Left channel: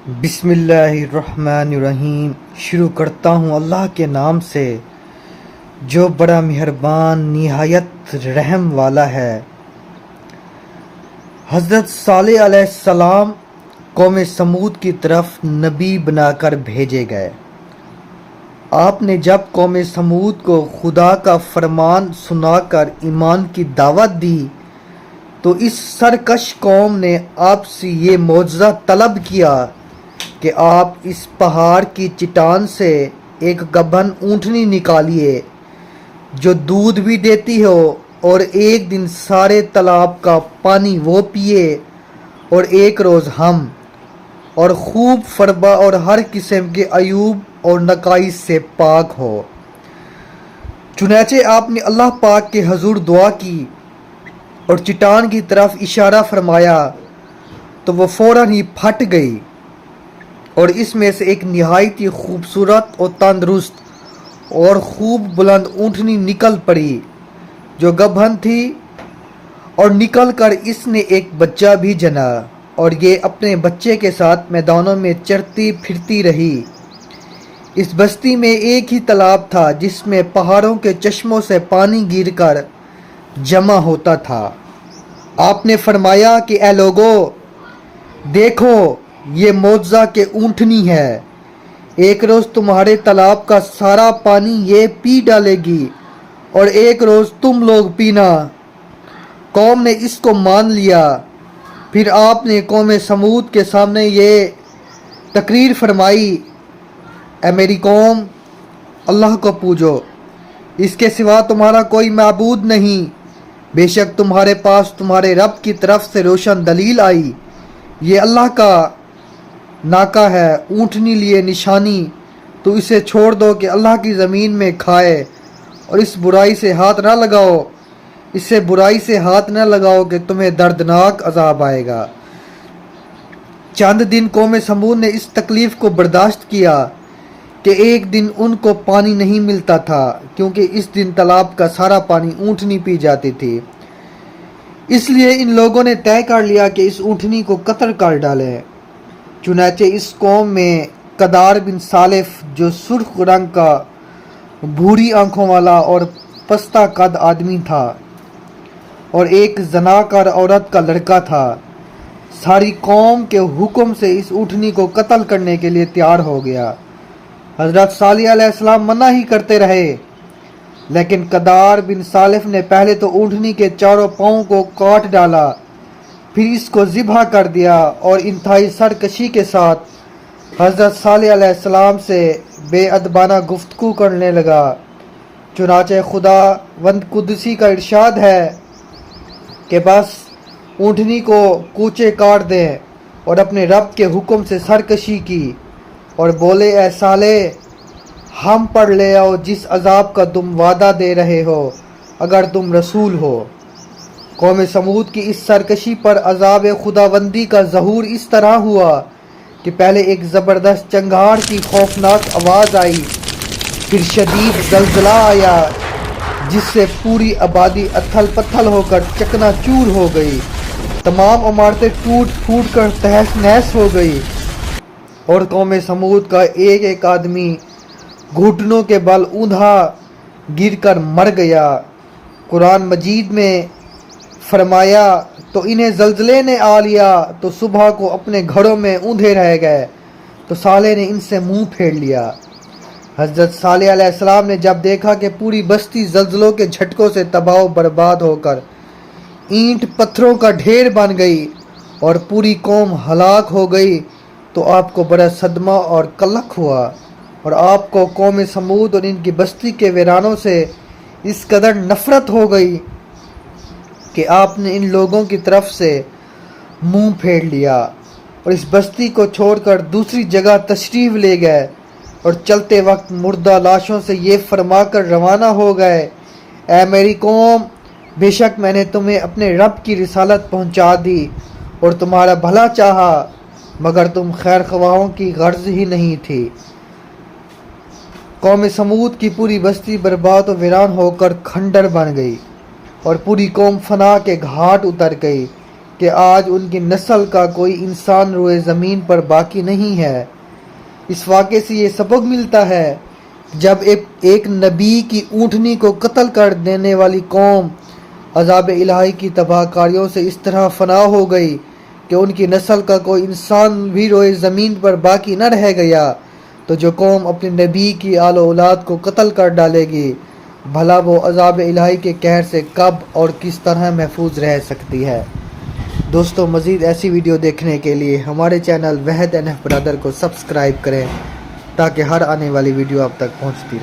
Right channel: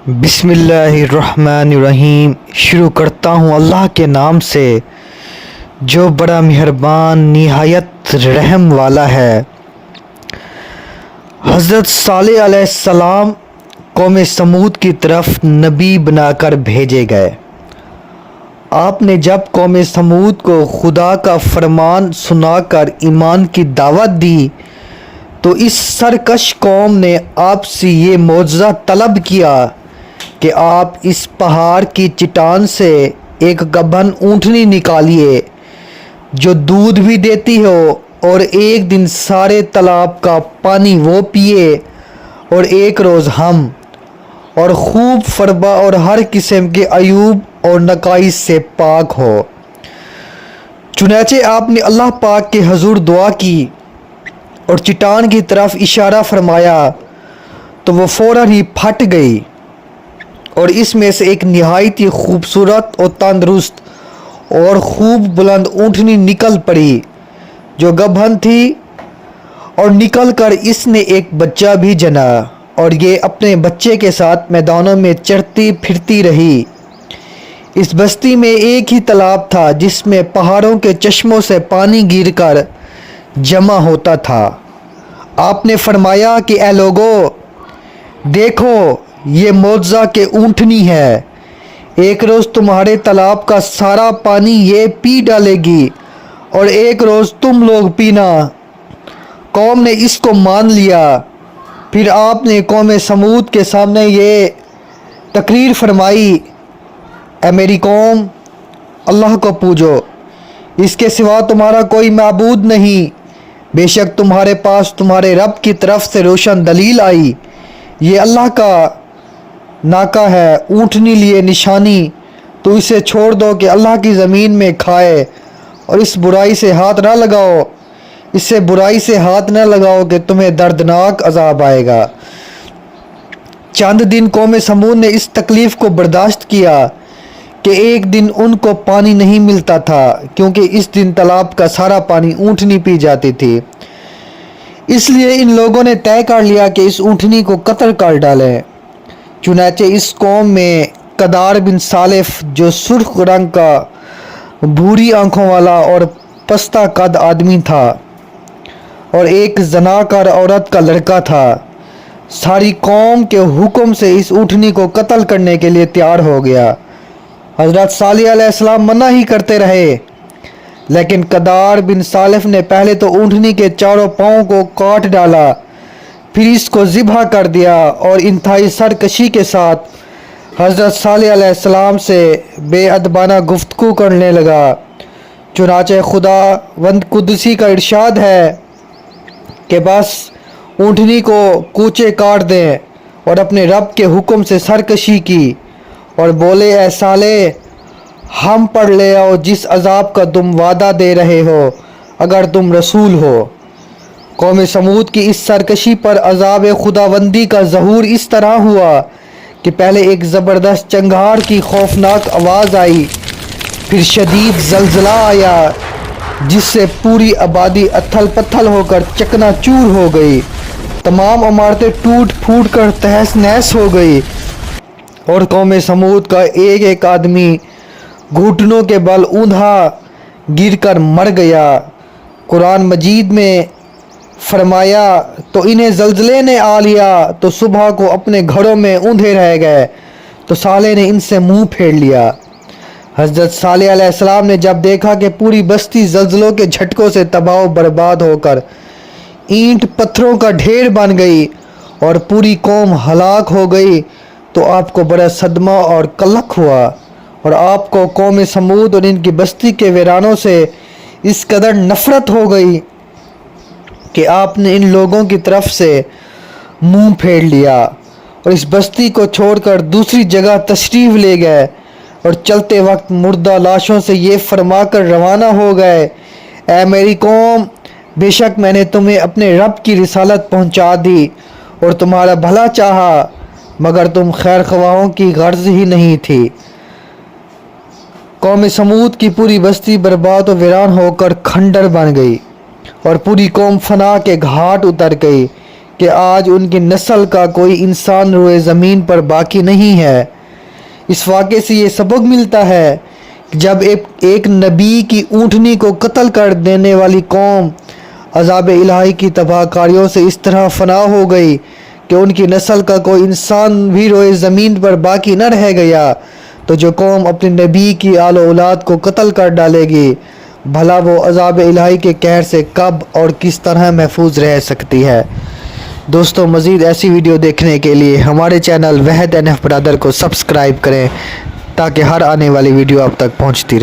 بسم اللہ الرحمن الرحیم۔ شروع کرتا ہوں اللہ کے نام سے جو بڑا مہربان نہایت رحم والا ہے۔ حضرت صالح علیہ السلام قوم سمود کی طرف نبی بنا کر بھیجے گئے۔ آپ نے جب قوم سمود کو خدا کا فرمان سنا کر ایمان کی دعوت دی تو اس سرکش قوم نے آپ سے یہ معجزہ طلب کیا کہ آپ اس پہاڑ کی چٹان سے ایک گبھن اونٹنی نکالیے جو دودھ بھی دیتی ہو، اور ایک دن سارے تالاب کا پانی وہ پیے اور ایک روز ہم، اور خوب فربا اور ہر قسم کے عیوب اور نقائص سے پاک ہو۔ چنانچہ آپ نے اللہ پاک کے حضور دعا کی اور چٹان کی طرف اشارہ فرمایا تو وہ فوراً ہی پھٹ گئی، اور اس میں سے ایک نہایت ہی خوبصورت اور تندرست اور خوب بلند اونٹنی نکل پڑی جو گبھن تھی، اور نکل کر اس نے ایک بچہ بھی جنا، اور یہ اپنے بچے کے ساتھ میدانوں میں چرتی پھرتی رہی۔ اس بستی میں ایک ہی تالاب تھا جس میں پہاڑوں کے چشموں سے پانی گر کر جمع ہوتا تھا۔ آپ نے فرمایا کہ اے لوگو، دیکھو یہ معجزہ کہ اونٹنی ہے، ایک روز تمہارے تالاب کا سارا پانی یہ پی ڈالے گی اور ایک روز تم لوگ پینا۔ قوم نے اس کو مان لیا۔ پھر آپ نے قوم سمود کے سامنے یہ تقریر فرمائی: اے میری قوم، اللہ کو پوجو، اس کے سوا تمہارا کوئی معبود نہیں۔ بے شک تمہارے پاس تمہارے رب کی طرف سے روشن دلیل آئی، یہ اللہ کا ناکہ ہے، اونٹنی لیے نشانی، تو اسے چھوڑ دو کہ اللہ کی زمین میں کھائے، اور اس برائی سے ہاتھ نہ لگاؤ، اس سے برائی سے ہاتھ نہ لگاؤ کہ تمہیں دردناک عذاب آئے گا۔ چند دن قوم سمود نے اس تکلیف کو برداشت کیا کہ ایک دن ان کو پانی نہیں ملتا تھا، کیونکہ اس دن تالاب کا سارا پانی اونٹنی پی جاتی تھی۔ اس لیے ان لوگوں نے طے کر لیا کہ اس اونٹنی کو قتل کر ڈالیں۔ چنانچہ اس قوم میں قدار بن صالف جو سرخ رنگ کا، بھوری آنکھوں والا اور پستہ قد آدمی تھا، اور ایک زناکار عورت کا لڑکا تھا، ساری قوم کے حکم سے اس اونٹنی کو قتل کرنے کے لیے تیار ہو گیا۔ حضرت صالح علیہ السلام منع ہی کرتے رہے، لیکن قدار بن صالف نے پہلے تو اونٹنی کے چاروں پاؤں کو کاٹ ڈالا، پھر اس کو ذبح کر دیا، اور انتہائی سرکشی کے ساتھ حضرت صالح علیہ السلام سے بے ادبانہ گفتگو کرنے لگا۔ چنانچہ خداوند قدسی کا ارشاد ہے کہ بس اونٹنی کو کوچے کاٹ دیں، اور اپنے رب کے حکم سے سرکشی کی، اور بولے: اے صالح، ہم پر لے آؤ جس عذاب کا تم وعدہ دے رہے ہو اگر تم رسول ہو۔ قوم سمود کی اس سرکشی پر عذاب خداوندی کا ظہور اس طرح ہوا کہ پہلے ایک زبردست چنگھاڑ کی خوفناک آواز آئی، پھر شدید زلزلہ آیا جس سے پوری آبادی اتھل پتھل ہو کر چکنا چور ہو گئی، تمام عمارتیں ٹوٹ پھوٹ کر تہس نہس ہو گئی، اور قوم سمود کا ایک ایک آدمی گھٹنوں کے بل اوندھا گر کر مر گیا۔ قرآن مجید میں فرمایا: تو انہیں زلزلے نے آ لیا تو صبح کو اپنے گھروں میں اوندھے رہ گئے، تو صالح نے ان سے منہ پھیر لیا۔ حضرت صالح علیہ السلام نے جب دیکھا کہ پوری بستی زلزلوں کے جھٹکوں سے تباہ و برباد ہو کر اینٹ پتھروں کا ڈھیر بن گئی اور پوری قوم ہلاک ہو گئی، تو آپ کو بڑا صدمہ اور قلق ہوا، اور آپ کو قوم سمود اور ان کی بستی کے ویرانوں سے اس قدر نفرت ہو گئی کہ آپ نے ان لوگوں کی طرف سے منہ پھیر لیا، اور اس بستی کو چھوڑ کر دوسری جگہ تشریف لے گئے، اور چلتے وقت مردہ لاشوں سے یہ فرما کر روانہ ہو گئے: اے میری قوم، بے شک میں نے تمہیں اپنے رب کی رسالت پہنچا دی اور تمہارا بھلا چاہا، مگر تم خیر خواہوں کی غرض ہی نہیں تھی۔ قوم سمود کی پوری بستی برباد و ویران ہو کر کھنڈر بن گئی، اور پوری قوم فنا کے گھاٹ اتر گئی، کہ آج ان کی نسل کا کوئی انسان روئے زمین پر باقی نہیں ہے۔ اس واقعے سے یہ سبق ملتا ہے کہ جب ایک نبی کی اونٹنی کو قتل کر دینے والی قوم عذاب الہی کی تباہ کاریوں سے اس طرح فنا ہو گئی کہ ان کی نسل کا کوئی انسان بھی روئے زمین پر باقی نہ رہ گیا، تو جو قوم اپنے نبی کی آل و اولاد کو قتل کر ڈالے گی، بھلا وہ عذاب الہی کے قہر سے کب اور کس طرح محفوظ رہ سکتی ہے۔ دوستو، مزید ایسی ویڈیو دیکھنے کے لیے ہمارے چینل وحد NF برادر کو سبسکرائب کریں تاکہ ہر آنے والی ویڈیو آپ تک پہنچتی رہے۔